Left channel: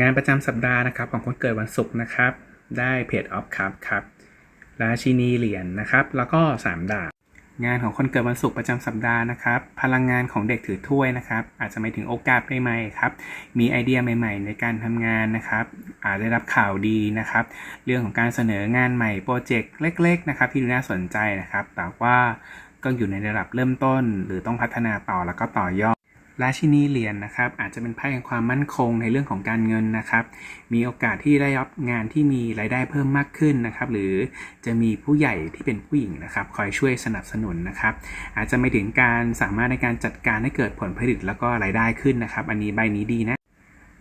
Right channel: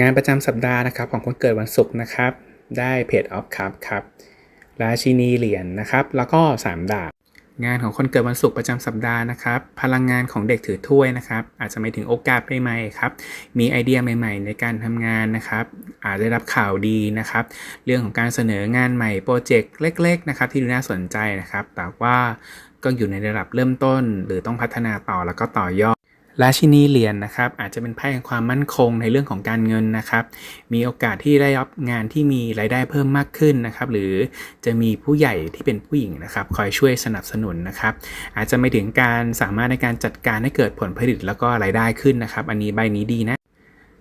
งานประจำสัปดาห์นะครับของคนเกิดวันศุกร์นะครับ ได้เพจออฟครับครับราชินีเหรียญนะครับ แล้วก็สามดาบงานของคนเกิดวันศุกร์ประจำสัปดาห์นะครับ พลังงานของเด็กถือถ้วยนะครับ อาจจะไม่ถึงโอกาสใหม่ๆครับ มีไอเดียใหม่ ๆ ในการทำงานนะครับ อาจได้รับข่าวดีนะครับ เรื่องของการเสนองานใหม่โปรเจกต์เล็ก ๆ นะครับ ที่ดูน่าสนใจนะครับ แต่ว่าก็อยู่ในระดับเริ่มต้น หรือต้องพัฒนาต่อแล้วก็ต่อยอด ราชินีเหรียญนะครับ อาจจะเป็นไพ่แห่งความมั่นคงในเรื่องของการเงินนะครับ มีโอกาสที่ได้รับงานที่มีรายได้เพิ่มมากขึ้นนะครับ หรือจะมีผู้ใหญ่ที่เป็นผู้หญิงนะครับ คอยช่วยสนับสนุนนะครับ อาจจะไม่ถึงการสามารถในการจัดการให้เกิดผลผลิตแล้วก็รายได้ขึ้นนะครับ อันนี้ใบนี้ดีนะ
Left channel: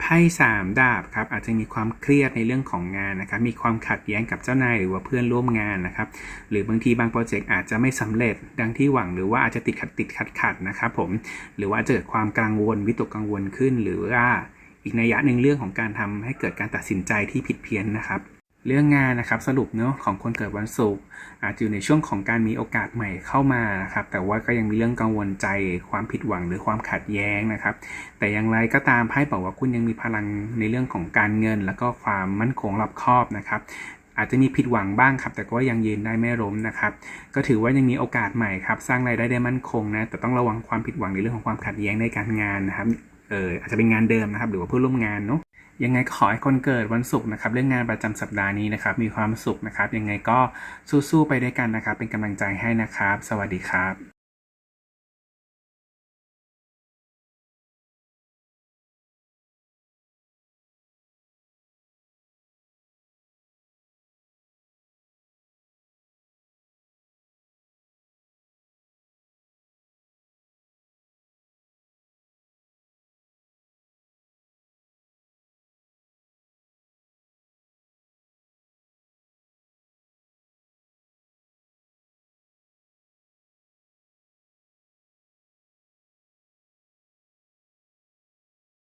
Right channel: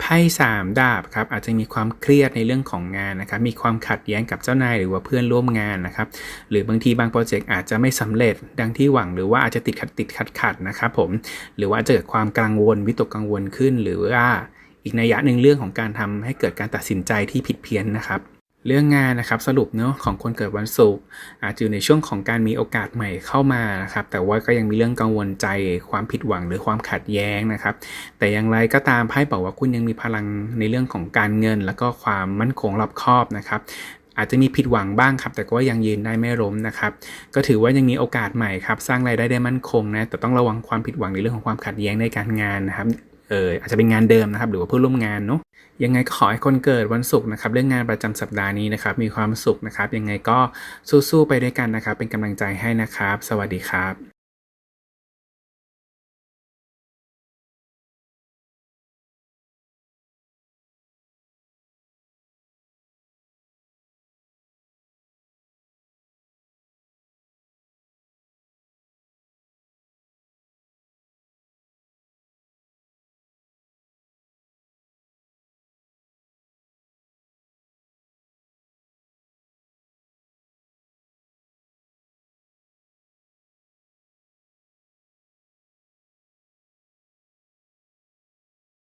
ไพ่สามดาบครับอาจจะมีความเครียดในเรื่องของงานนะครับมีความขัดแย้งกับเจ้านายหรือว่าเพื่อนร่วมงานนะครับหรือบางทีบางโปรเจกต์อาจจะไม่สำเร็จดังที่หวังหรือว่าอาจจะติดขัดติดขัดขัดนะครับผมหรือว่าอาจจะเกิดความกังวลวิตกกังวลขึ้น หรือว่าอีกนัยยะหนึ่งเรื่องของการทำให้เกิดการตัดสินใจที่ผิดเพี้ยนนะครับ เรื่องงานนะครับสรุปเนาะของคนเกิดวันศุกร์อาจจะอยู่ในช่วงของการมีโอกาสใหม่เข้ามานะครับแต่ว่าก็ยังมีเรื่องกังวลใจความผิดหวังหรือความขัดแย้งนะครับ แต่อย่างไรก็ตามไพ่บอกว่าคุณยังมีพลังในเรื่องของการเงิน แล้วก็ความมั่นคงรอบคอบนะครับอาจจะมีผิดหวังบ้างครับ แต่ก็ยังยืนได้ไม่ล้มนะครับ ก็ถือว่ายังมีโอกาสใหม่ครับ สร้างรายได้ได้มั่นคงนะแต่ต้องระวังความผิดหวังในเรื่องของความขัดแย้งในการงานนะครับเอออาจจะเป็นงานเดิมนะครับ หรือว่าเพื่อนร่วมงานเนาะ ยังไงก็ขอให้คนเกิดวันศุกร์นะครับเรื่องงานประจำสัปดาห์นี้นะครับ มีความสุขนะครับ ยังไงก็สู้ๆไปด้วยกันนะครับ เป็นกำลังใจให้นะครับ สวัสดีครับ